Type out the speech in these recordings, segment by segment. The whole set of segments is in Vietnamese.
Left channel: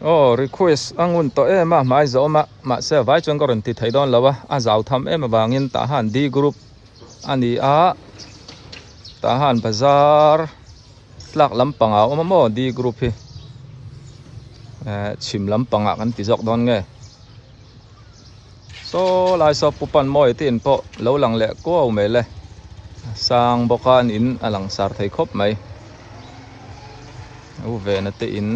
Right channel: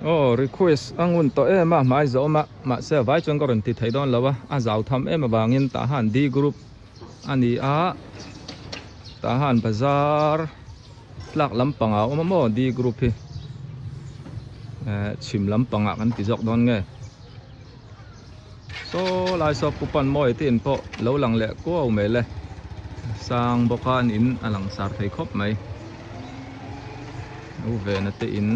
request angun to ema mai zo ma se vai chon koron ti thai don lawa a zau tham ema bangin ta han di group ani a ta han bazar tlak lampanga mo di group hi chim lampanga kan ti jok don nge so lai so pupan moi tin po lo lang le ko me le sang bokan in alang sar thai khop mai u ve na te in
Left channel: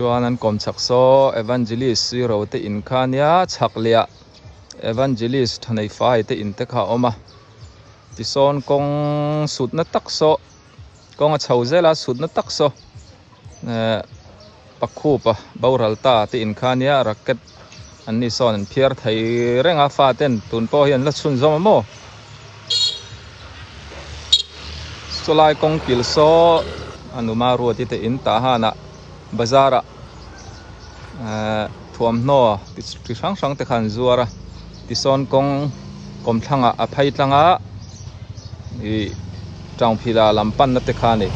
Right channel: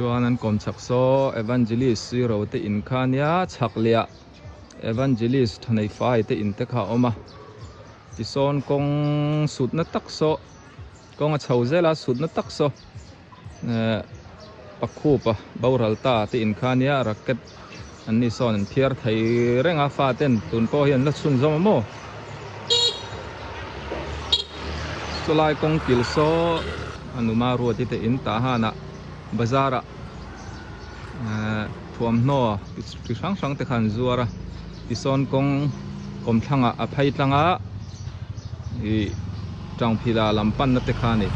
chuan an kom chak so evangelist zero te in khania chak lia evangelist thanei fai te in te kha oma ti son kong sut na tak so kong a chho zela sut na tak so pakhu pa boral ta te in khania racket an ni son an phiar thai renga fa ten tun po hian la chun zom mo solai kong kil so anuma ru ti te in ta hana bazara thuam no ti sang sang te khan zuara ti son kong kom thanga a phai tlanga i tang phila lampan na te khani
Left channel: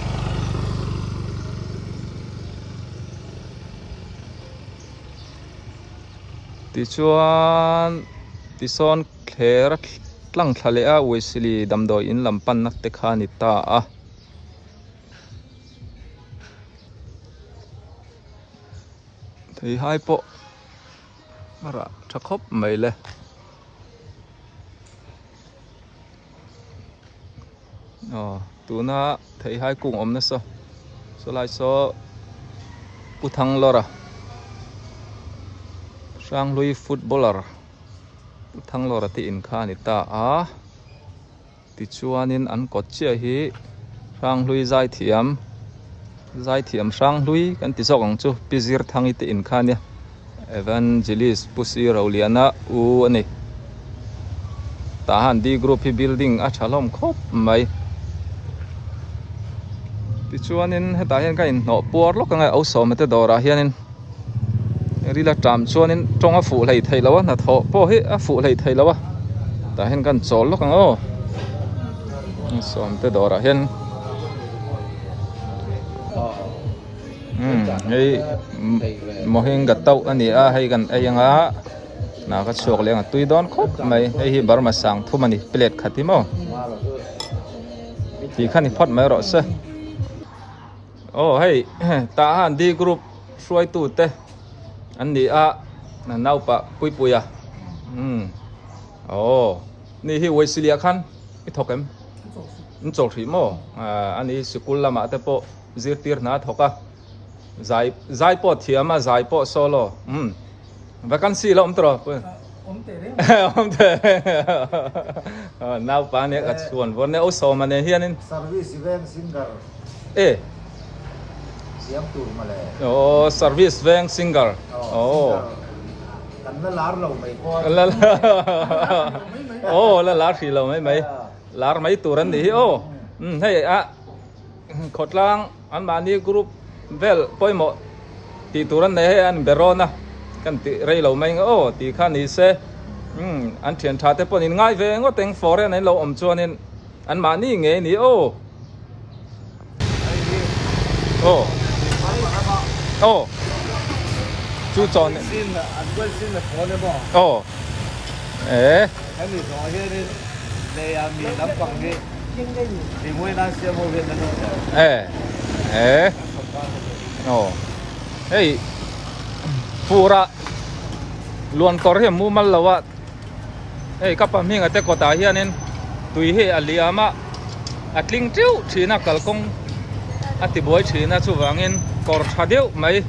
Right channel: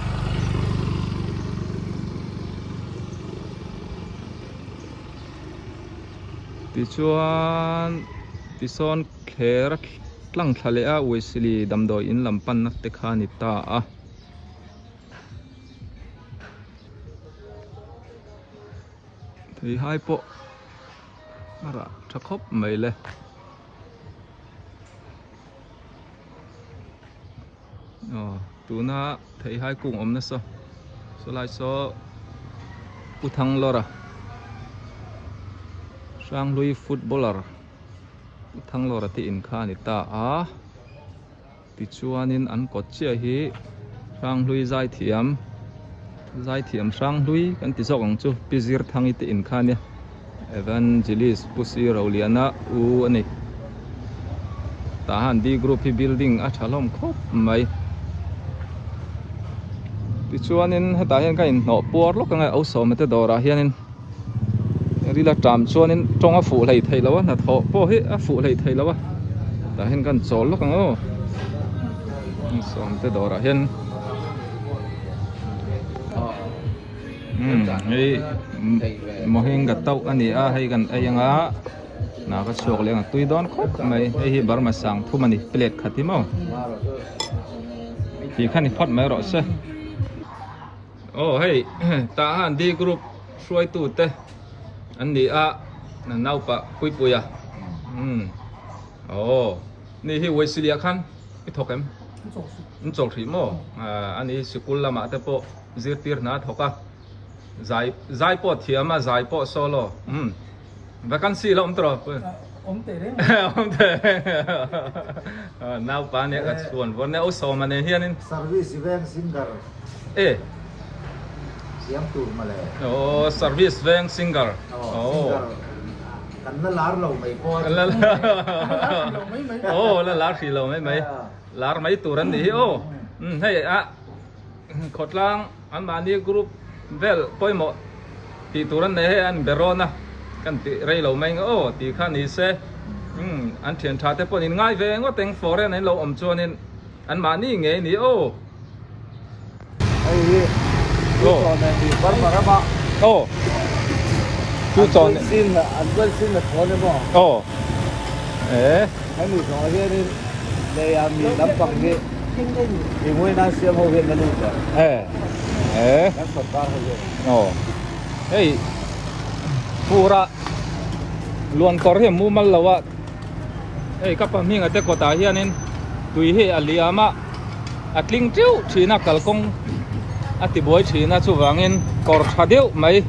ti chuan ti son khera tlang thale a uisili damdoi in lampan na te khani ta a thì hai bộ mà ra chắc khóc mấy lệ tụi nó thấy hai cùng ôm nó sao số lại số u thăng lo ra sang lui footballer u thăng lo ra thì in kha ni ta à thì chuan in ăn cốt chia hi sang lui giải thiam sang lui kan ti zong chu pizir thangi te in khania evangelist pusi rauliana u ani ta han di group hi building a thalom khop mai ti chuanin heta hian ka in no por lo ka ngai au so mate dora hianin rila tam chuanin tonga fu lei thei lawa na tho po hi a fu lei thei lawa ta hen kan chol lo ka ngo so mate dora hian hey mohin gatau ani a hay gan ayanga na ka chok leng tui don khop mai hey hi bar ma sang thumani plate khatimo ti khani phot mai ro se hey ta han di group suai tu te ani a na nau pa pui puya ni hi weisilia khan i thokem chok thi mo ani sikul lama te po zirtir na thoka zai po thiama zai po solo vacancy lo om tro om te nau pa ne ka chuan von ne o so ma ne hianin service event singer siam tur male service event singer kan na lar lo mai po la lar thi lo mai lar mai turan ni hey a khotlang an mani group vel poimo ti turan ne an berona kan ti rei lo mai ti khan ni se an thian tha te ponin ngai ve ngo teng fore nei lo om chuanin an ma ni nge ni chu chon sin an wel sin na thone bo hai mi so here ni le ya mi lam pang ni thì ngôi na siam ho hiện na nu hey pura luankawr hi mu mal lawa hey kapam hinga te kota hianin tui he aliama atling tiu thina kalkong ati boy thina chuwangin kor thadeu mai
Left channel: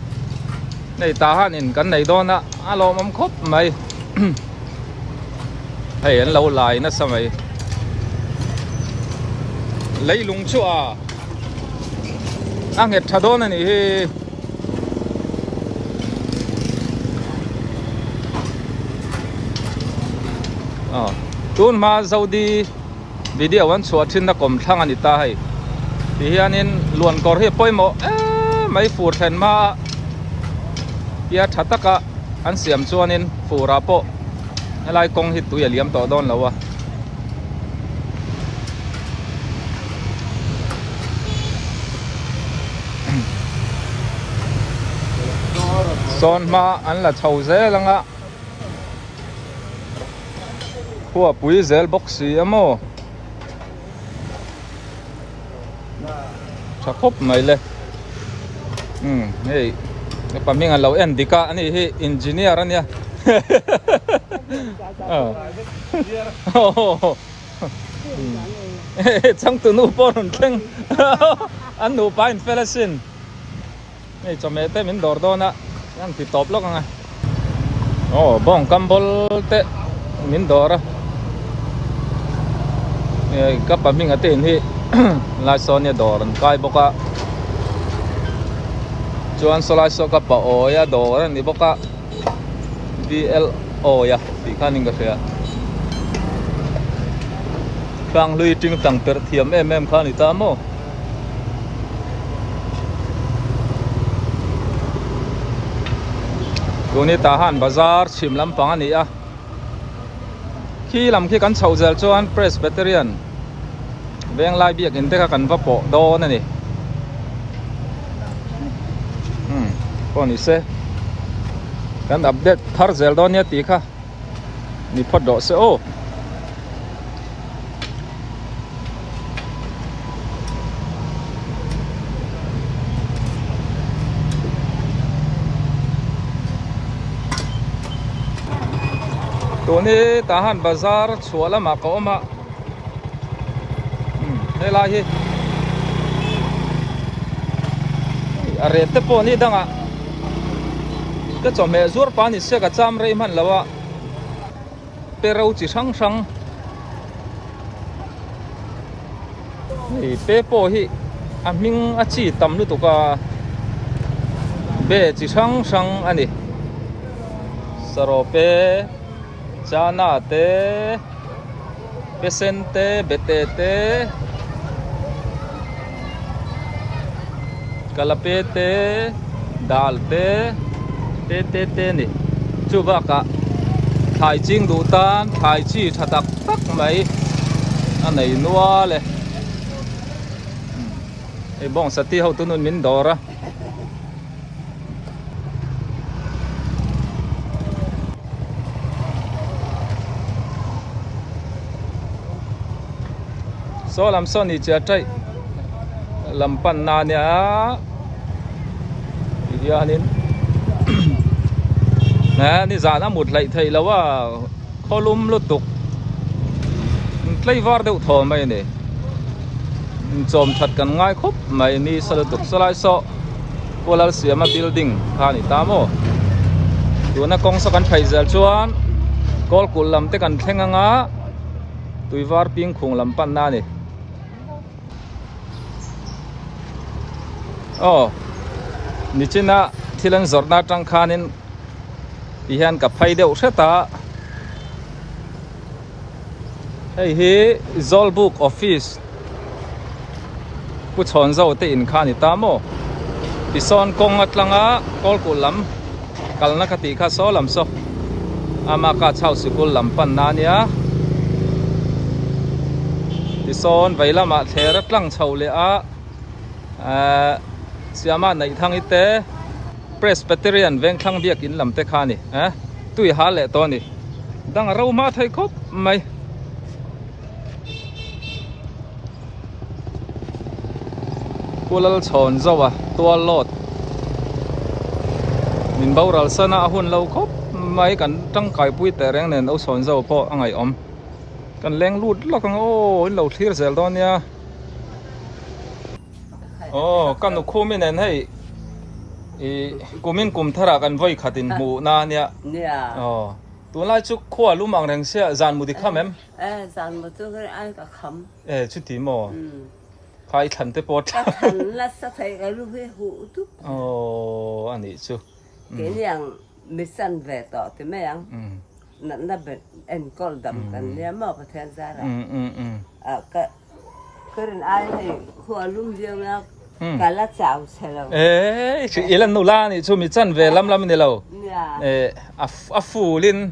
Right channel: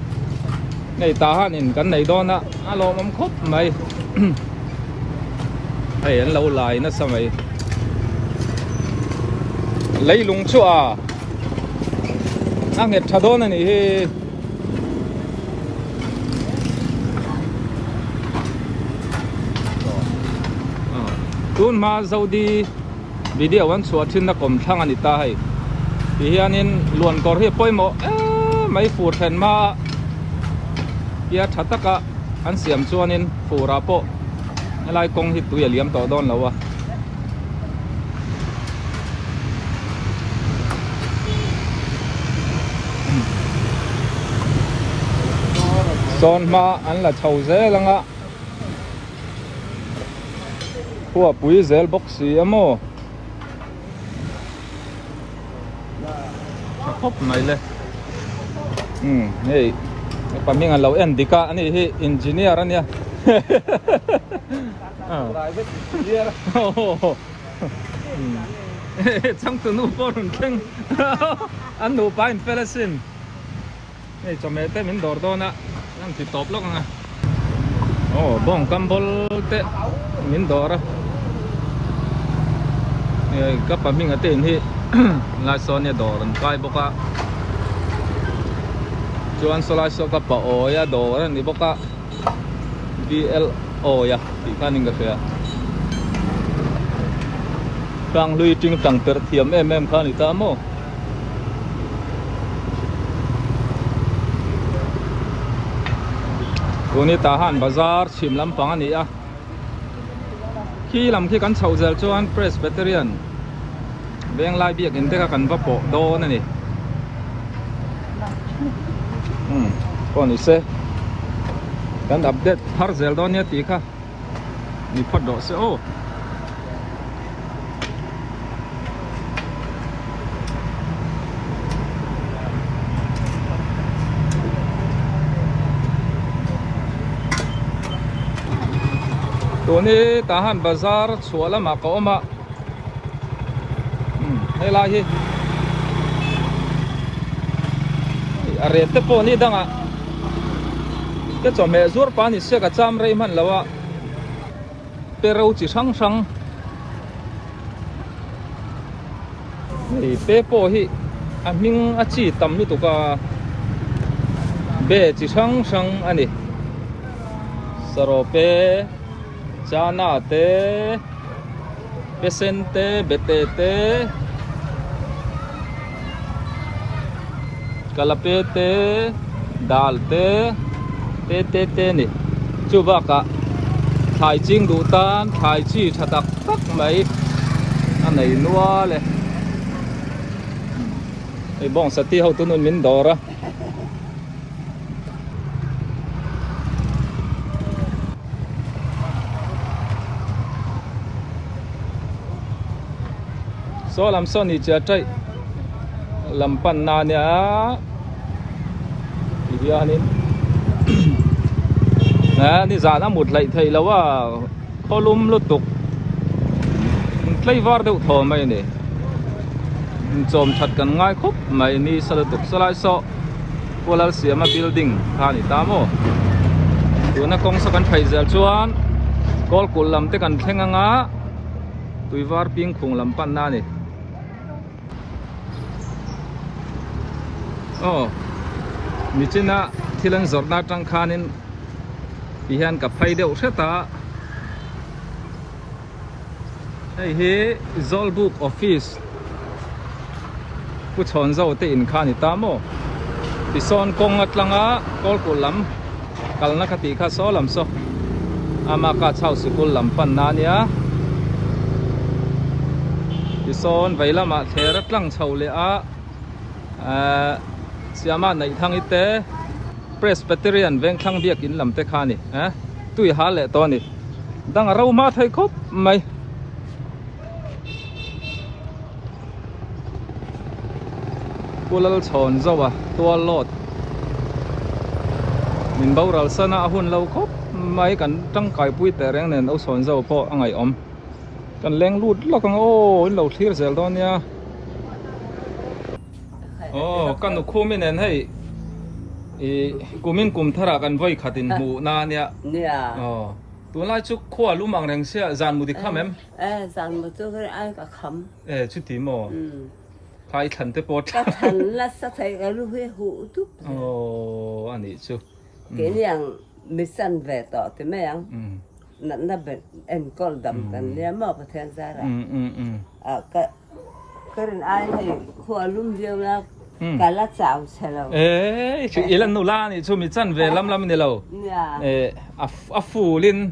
nei ta hanin kan nei dona alo mam khop mai hey an lo lai na samai lấy lung chua anh hết thà đó này tuôn mà giàu đi video anh chua trên nó cầm thang anh ta hay thì hiện nên luôn có hết bôi mỏ mấy phụ thần mà ya thà tất cả anh xem chua nên phụ ra po lại công hết tuổi liam tỏ đón lâu à son ma an la chau ze langa khua pui zel boxi amo cha khop mai le hey paming an lo en dika ani hi engineer ania chẳng từ nụ bò hồn keng ăn nụ ba in felasin này cho mẹ té mình đổ đó nè ăn thì top lắm à bong cambol té mình đổ ra này các bạn mình ở tên thì lại son nhà đổ rồi cái bốc à chuan solai so ka pawh ya dawr ani boka VLO ya ti khanin ka hria tang lui ting tang per thiam em khani ta mo tuni ta han bazar chim lampang ani a khi lam khi kan chho zel chuan presbyterian beng lai biak in te ka kan va pawh dawn ani còn ý xe kan update thar zel don ya ti kha ni phot do se o tuni tahan bazar chuala ma ko ma helai hi are te po ni danga cái chỗ mẹ ruột bán thì sẽ cả trăm rây man lâu à, pero chỉ sang sang, thì pe po hi, mình chỉ tầm lúc tụi cả, be chỉ sang sang anh đi, saro pe, chana te, pesente, bete te, kalape te, dal te tê nè chú bác cả thái chính đủ tan thái chi thật đặc tắc mấy anh này nua lệ ấy bong sát ti hậu tuần mình đỏ ra số làm sao đi chơi chơi làm pan na nè thì anh nèนี่giả nó một lại thầy làว่าข้อลุ่มลุตุกใกล้วาร์เดือดทอไม่เนี่ยโจมชัดกันง่ายครบไม่นี่สลัดตุกสลายโซ่พวกเราเสียมา building ท่านี่ตามโมตัวนักกองสักันไฟเจลชวนกอลกุลลำเตกันแข่งงาตุยวาร์ปิงคงลำปันนานี่นี่จีน่าที่เล่นจอร์นาจังคานินพี่ฮันกับไฟเดียวเสตาไอ้ฮีซอลบุกออฟฟิศผู้ชนเจ้าเตอินคานิตามโมที่ซอนกงอัดลังะกอลกุลลำกัลนักติข้าโซลำโซอามาข้าเช่าสกุลลำปันนานียที่ซอนไว้ละมาเทรัตลังเช่าเลยเสียมาในทางอิเตpresbyterian เวงคลังเบียกินลำเตคานี่ตุยหาเละตอนนี้ดังเรามาไทยครบไหมกูเล่าชนเจ้าว่ะตัวโลดมินเบาเราสนะหุ่นเราครบไหมกันตั้งไก่ปุ้ยแต่แรงเนินเอาชนเจ้าพออังไงอมกันแรงรูดล็อกกันโอ้เราเทียร์เซลตอนเนี้ยกันนุคู่ไม่เน้นให้กุมินกุมทารากันไว้ขัดินหมูนาเนี่ยตัวไล่ชุกขั้วลุ่มอ่างแดงเสียจานมุดิข้ามจานมุดิก็ไอ้กับคำชุดที่หมอใครทันเตปอดก็ทันแล้วสักทีก็รู้ให้หูทุกอันนี้ชุเกี่ยยังมิสันเวต่อที่ไม่ยังนั่นน่ะเป็นเอ็นกอลดำกันเนี่ยมาประเทศซาร่าก็เรื่องไอ้ให้ขั้วลุ่มเดียวนะ cả lá chảo xe lâu chỉ ilan nụ la này chú mi chân về lắm này lâu phu linh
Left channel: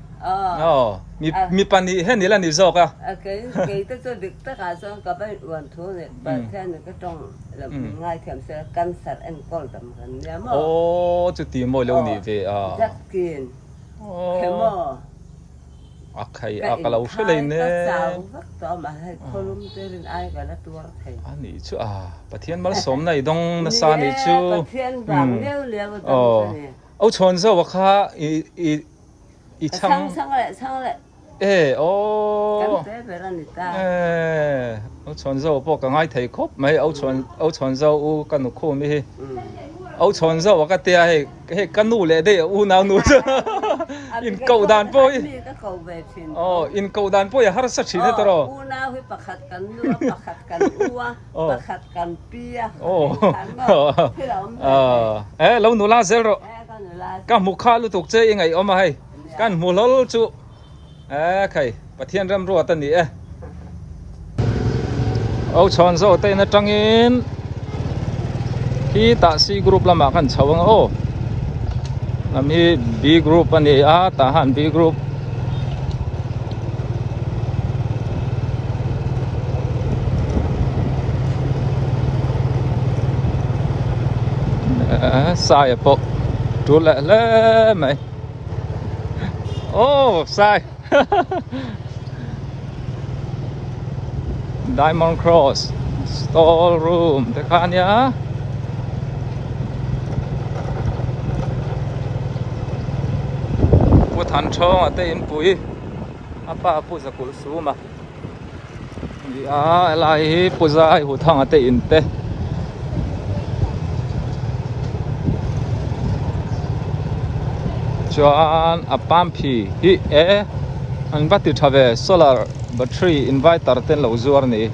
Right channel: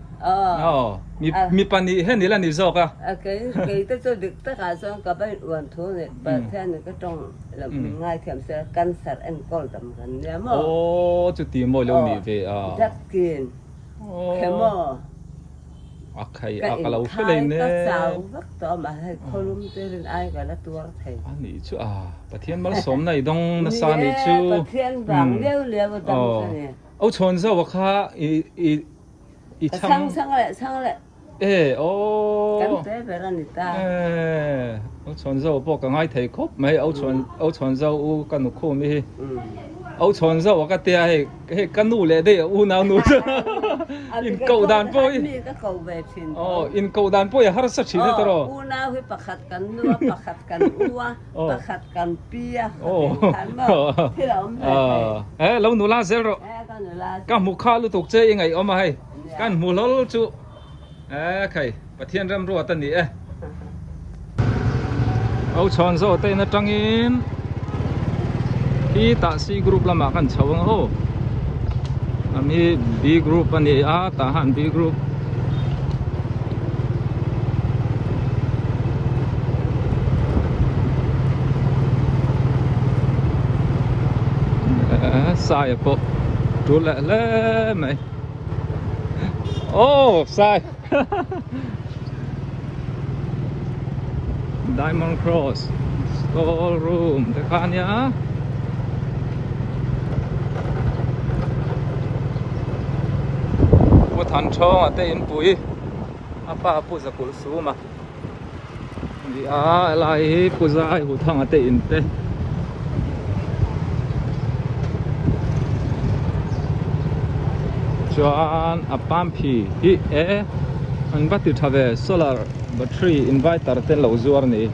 mi pan đi hết ilan đi dọc à cái tôi được tất cả xong cả bên uẩn thú này bản thân này cái trong là mình ngay thèm sẽ căn sạt ăn col tầm gần nhá mà chú tìm mồi lâu nỉ về rất kiền cái mà cái lâu phía lên nè cái sao vắt to mà hay kolum tên ai cả là tua thầy anh ấy chú bà thiên mal xóm này đông nó xa này chú bà thiên vàng liêu liêu tầm này âu chọn sao vậy kha i sang lại cái tế về ra người ta âu chọn sao bỏ cái ngay thầy khóc mấy âu chọn sao u cái nụ khô mi âu chọn sao cái tia hay cái nụ lệ đây u nào nụ in cầu đàn bôi in cầu đàn bôi har sát chín hết rồi u nào hay pakat kan nua pakat kan ua pakat kan pia thế là ông lâu nụ la zero cái mục khá lu tục chơi ngày ông hay cái mù lâu chú cái bà thiên ram ruột tân nhỉ âu chọn sao tên nó trăng in khi taxi group là mà kan chawang o nami B group ani tahan B group sai po tu le mày sai Diamond Cross store room te khan ya thành cho tây in bụi apa pu za kul su mà đi lại pu za ai hu thang tây in te chuan apam phi hi an vati thave solar battery inverter ten lo zuar ni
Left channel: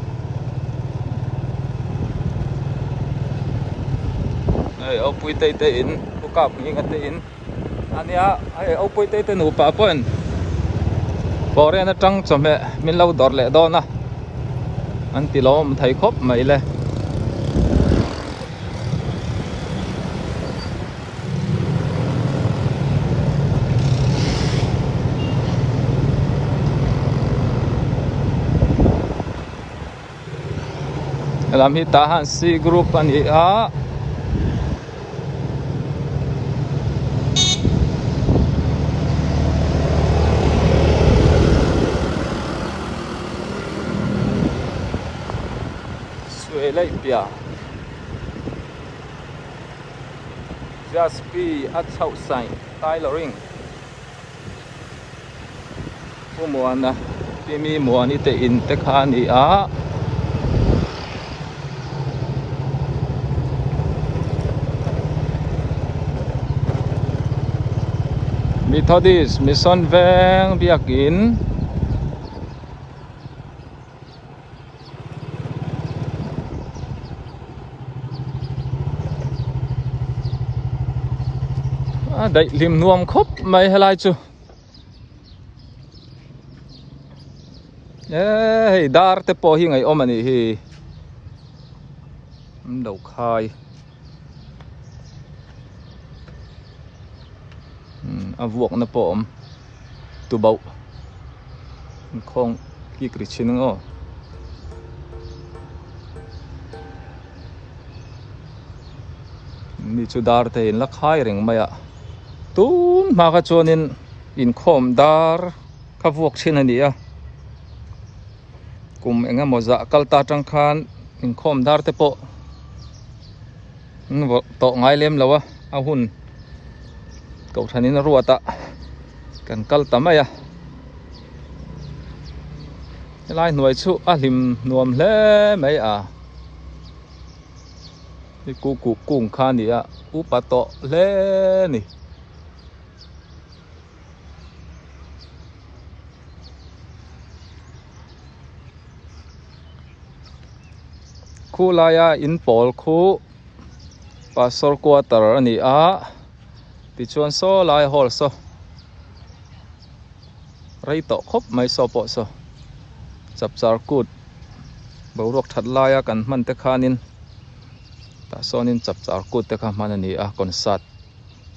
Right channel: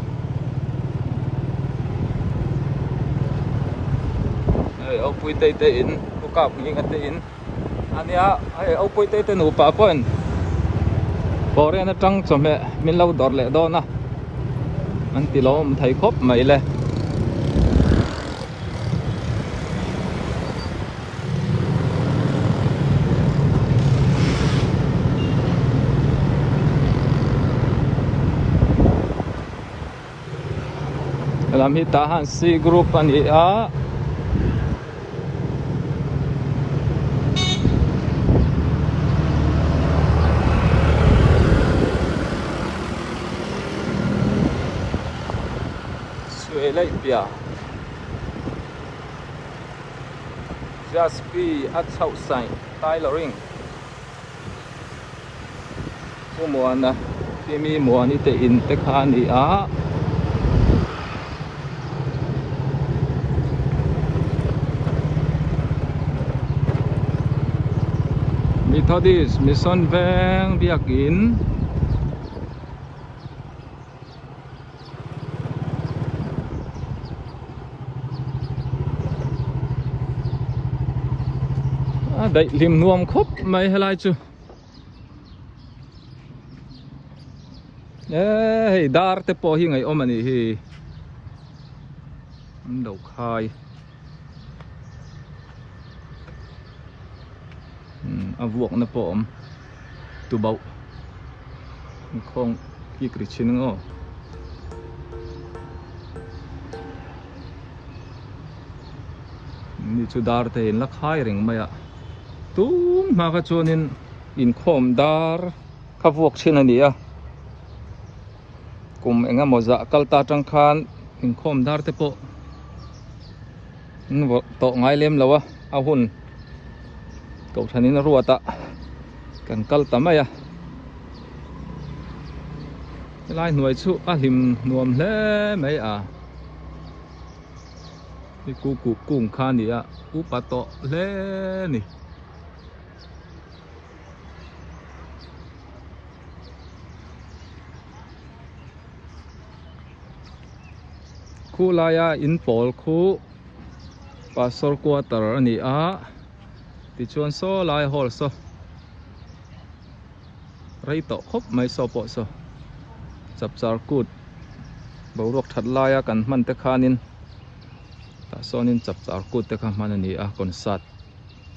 ai au pui tây in tu ka pui nga tây in anh ấy ông quay tây tên upa pon bỏ ra nó trăng cho mẹ mình lâu đọt lẹ đó na anh tí lo mình thấy khóc mấy lẹ làm hi tahan si group anh ấy lấy bia just be at outside tailoring cô mua na mi mua ni te in te khan ni Methodist mission veng biakin đậy lim nuông khóc mày hay lại chứ dar te po hi ngày ôm anh hi đầu khai vuông nó po tu bầu không kia kỹ chín ngô ni chu dar te in la khai ring mày tu mà cái chỗ nên in khom dar khắp vuông trên này à cùng anh em một dạ kalta trăng khan in khom dar te po to ngay lem lawa ahun cậu thằng nó ruột ta cần kalta mày à lại nuôi chú lim nuông lẽ mấy à cái cụ cùng khan đi à upa to lẽ nè khu laya in pol khu pastor quarter ani ti chuan so lai hol so rei to khop mai so po so chap char kut bo rok that laya kan man te khanin ta sonin chap char kut te kha man ani a concert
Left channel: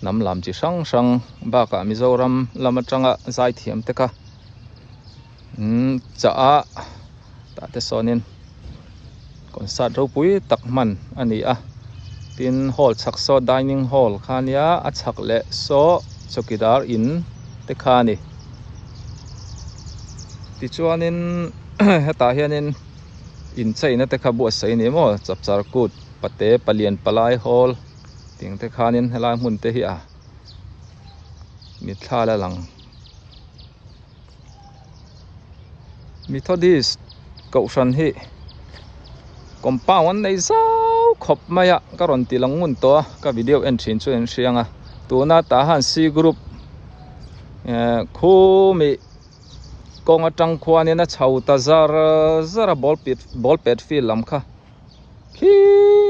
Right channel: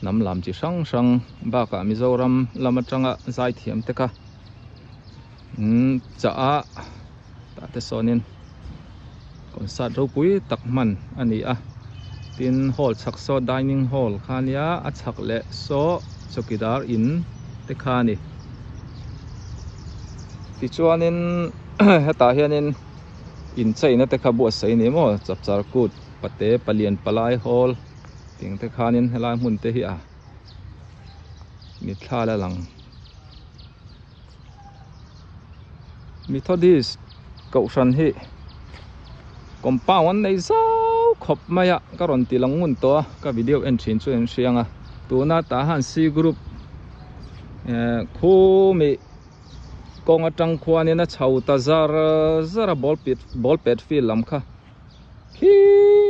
nam lam chi sang sang ba ka Mizoram lama tanga zai thiam te kha cha a ta te sonin concert ro pui tak man ani a tin hall chak so dining hall khania a chak le so chokidar in te kha ni ti chuanin heta hianin in chaina te kha bu sei ni mo chap char kut pate palian palai hall ting te khanin helai mun te hi a mi thla la lang Methodist cậu san hi compound nei zau khop maya ka ron ti lang mun to ka video en thin chu en hrianga tuna ta han C group khu mi kong atang khwanin a chho ta zara ball pet fil lam kha khi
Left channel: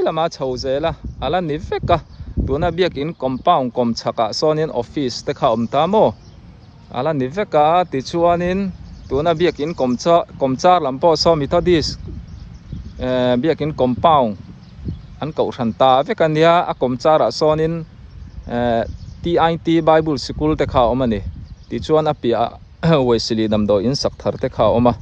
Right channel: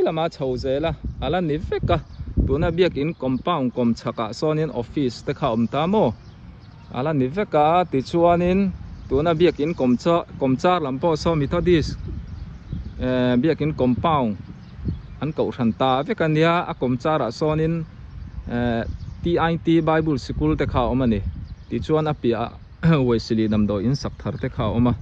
lama chho zela ala ni veka tuna biak in compound kom chaka sonin office te kha om ta mo ala ni veka ti chuanin tuna biak in komchar lampo so Methodist biak in compound an cậu san ta vekania a komchara sonin TIT Bible School te kha om ani ti chuan a pia Wesley namdo in sak thar te kha oma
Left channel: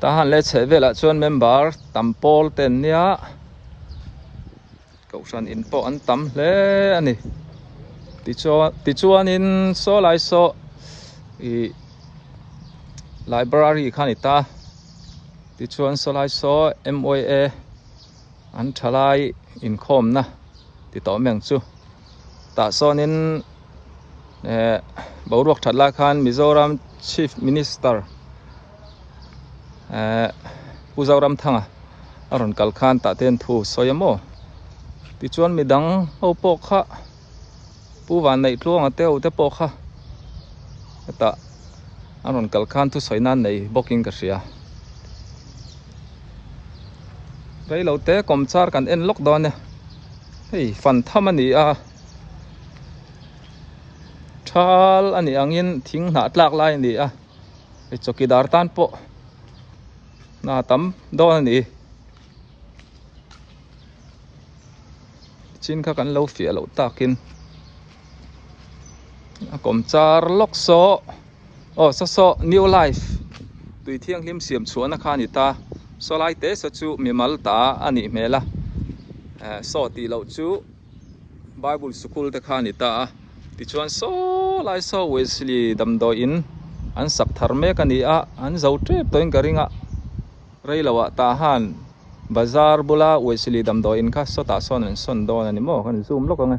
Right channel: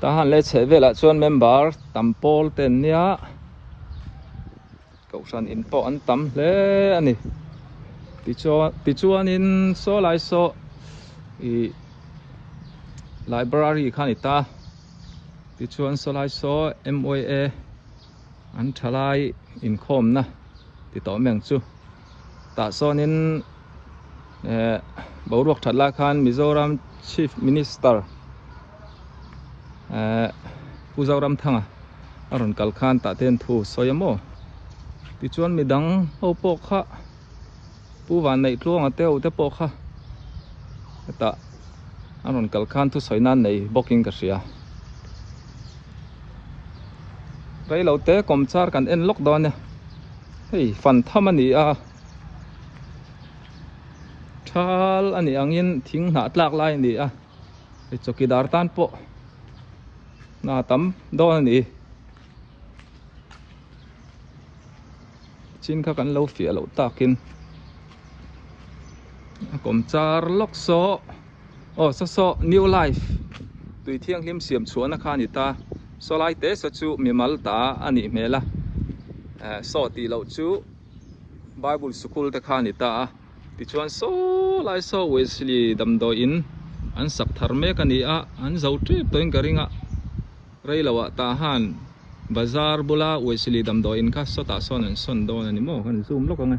ta han le chevela chuan member tampol ten nia cậu san in po an tam hle ani ti chuan in so lai so i library khanita ti chuan so lai so MOA an thalai in khom na ti to meng chu ta sonin boruak thatla khan Mizoram Chief Minister Puzaram thanga aron kal khan ta ten thu soyamo ti chuan midang ho po kha pu wan nei tluang ateu te po kha ta aron kal khan thu soinan nei booking ka ria reilo te komchar kan en lockdown ne hei fan thamani a thal ani angin thing na tlak lai ni a e chokidar tan po na tam do ni chin kha kan lo fia lo takin komchar lok so so new life tui thiang lim siam chuan kha ni ta so lai te so chu mimal ta ani mela so ti lo chu Bible School te kha ni ta ti chuan so lai so Wesley damdo in an sak thar me ka ni a an zo trep toin karinga reilawa ta han bazar bula Wesley damdo in kha so ta son do ani mo kan zoom lok anga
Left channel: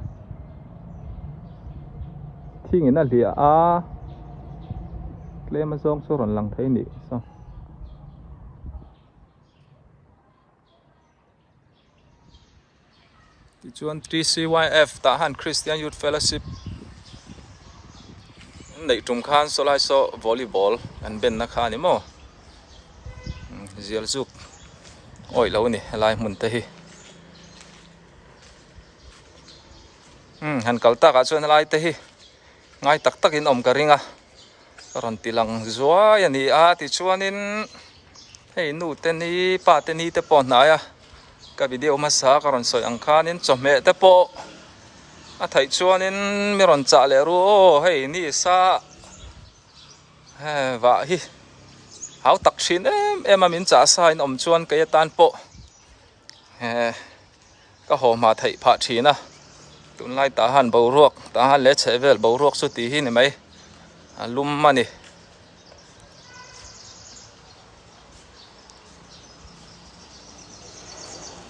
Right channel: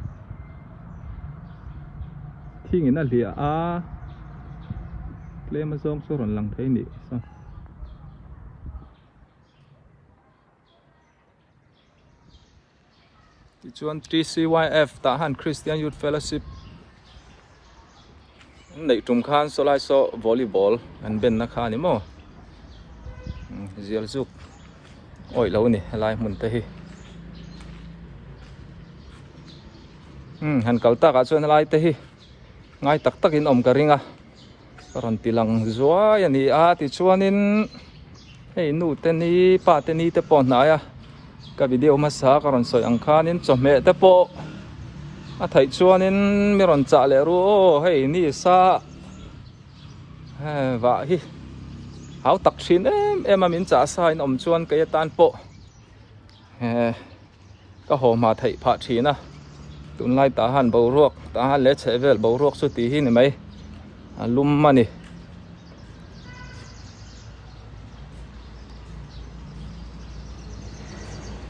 thing in a lia a klem song so ron lang thei ni so ti chuan 3CYF ta han Christian Youth Fellowship nei tum khan so lai so volleyball an ben na kha ni mo zial zuk oi lo ni lai mun te hi han kalta ka chuan lai te hi ngai tak tak in om ka ringa karon tilang zua yani a ti chuanin hei nu te ni pa te ni te po na ya ka video ma sa karon soi ang khanin chome te po a thai chuanin miron cha le ru hei ni sa wa hi hau tak thin em amin cha sa in om chuan ke tan po ka ho ma thei pha thina tun lai ta han bo ruak ta han le chevel bo ruak su ti hi ni mai lum mani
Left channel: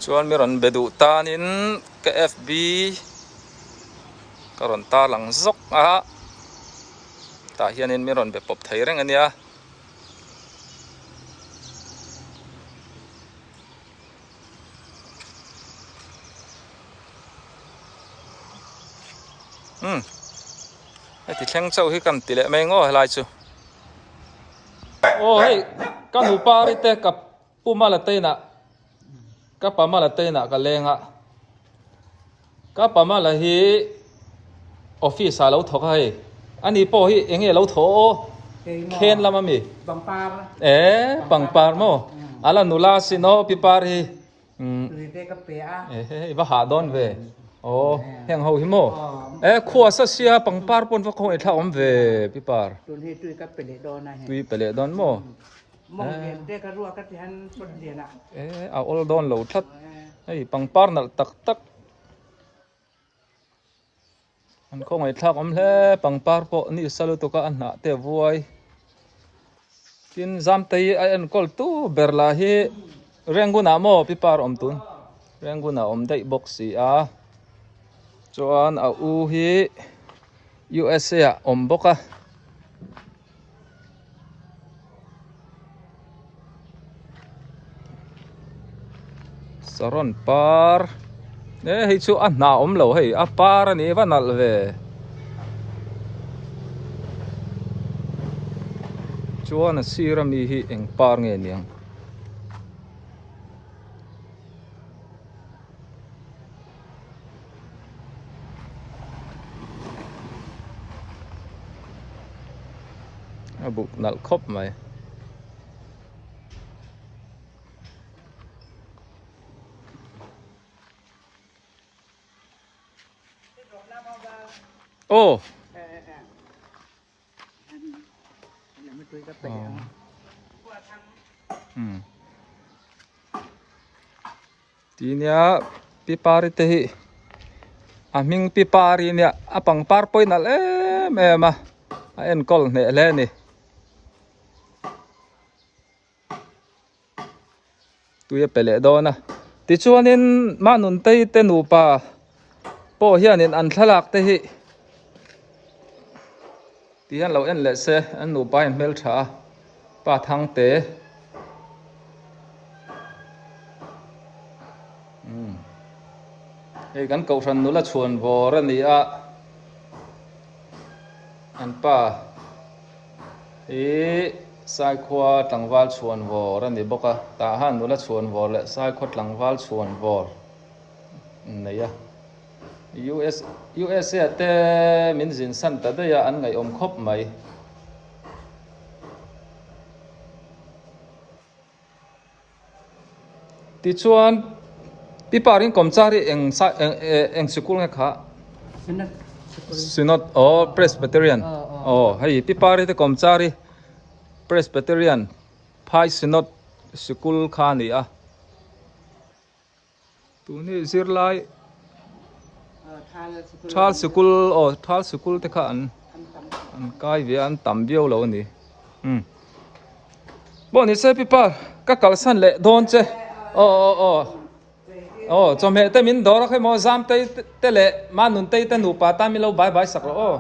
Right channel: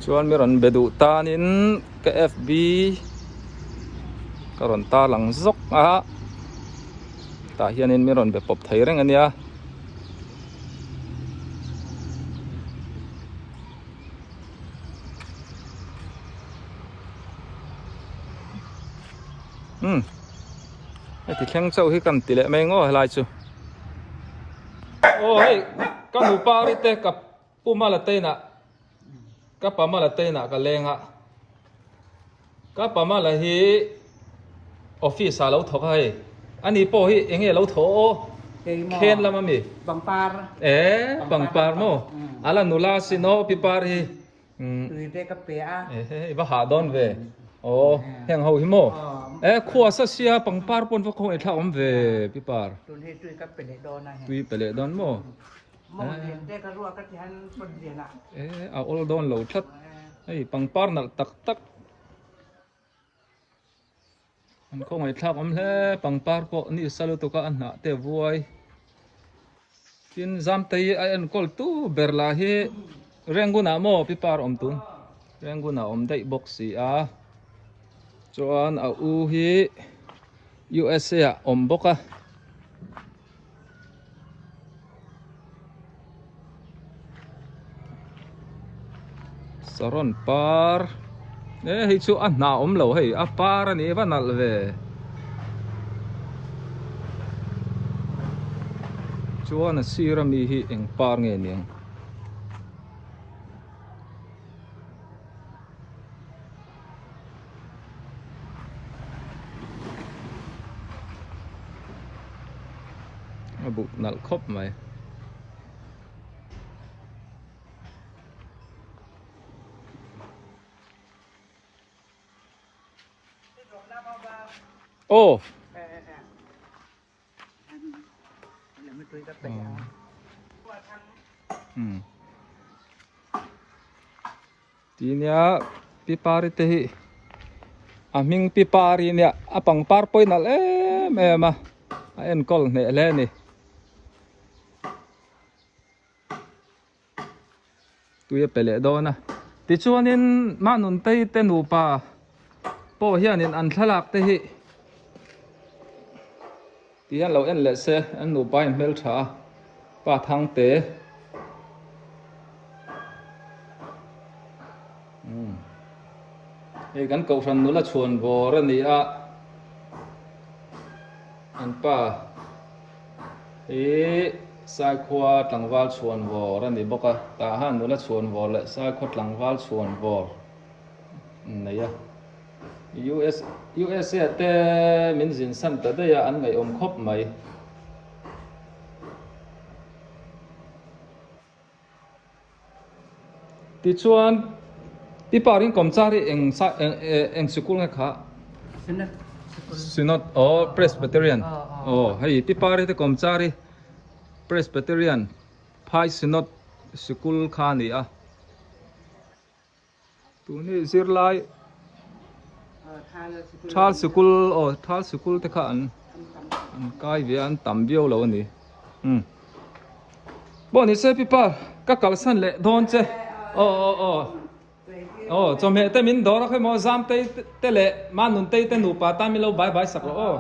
chuan miron bedu tanin ke FB karon ta lang zok a ta hianin miron be pop thei reng ania thì khen châu hi cầm tỷ lệ mấy ngô lại chú ôi cái mù pa đi tê cặp pu ma là tê nè cặp pa ma là tê nè cái lên ạ cá bà mà là hi office lâu thọ hay anh ấy bỏ hi anh ấy lâu thọ khen lắm mà mi bằng par bằng par mo ala nula sino pipar hi tùy tê cà phê và hạ đón về hàng hậu hi mo khua sa sia bằng par pon va không ai thao về pipar tùy cà phê đòn này tùy bể đón mo mong tê cà rùa cà thian phân tiền ạ all đón lâu thắt bằng par nal tak tak anh không ai thao le bằng par po ni salu to ka an na te vuai tin zam tei ai an kol tu berla hi renguna mo pipar tun renguna dei boxi a chuan a u hi USA boka saron par hi chu an na lo hei a par ani vanal ve chuan a sirami hi eng par nge niang bụng nal khop mày tí nia pipari te hi aming pipari nia apang par poi nal em a en kol ne le ni tuya pele do na ti chuanin ma nun tei te nu pa po hianin an thalak te hi ti han lo en le se an nu pa in mel tha pa thang te kan cầu thần nữa là chuồn vò ra nị ạ anh pa sai khoa tlang val chuồn vò ra nị boka ta han nữa là chuồn vò lệ sai khoa tlang val chuồn vò này à US te min zin san ta đây anh ngày khop mày ti chuan piparin komchari eng school nga kha synod presbyterian hei pipari te komchari presbyterian phai synod school kha ni a tu ni zirlai thal school te kha an kai ve an tam biao lo ni bo ni se pipar ka kalsan le don che cho mẹ tay mình đó là cái mò giam tay tay lệ mà nun tay tay nụ pa ta mi lâu bye bye sạc rồi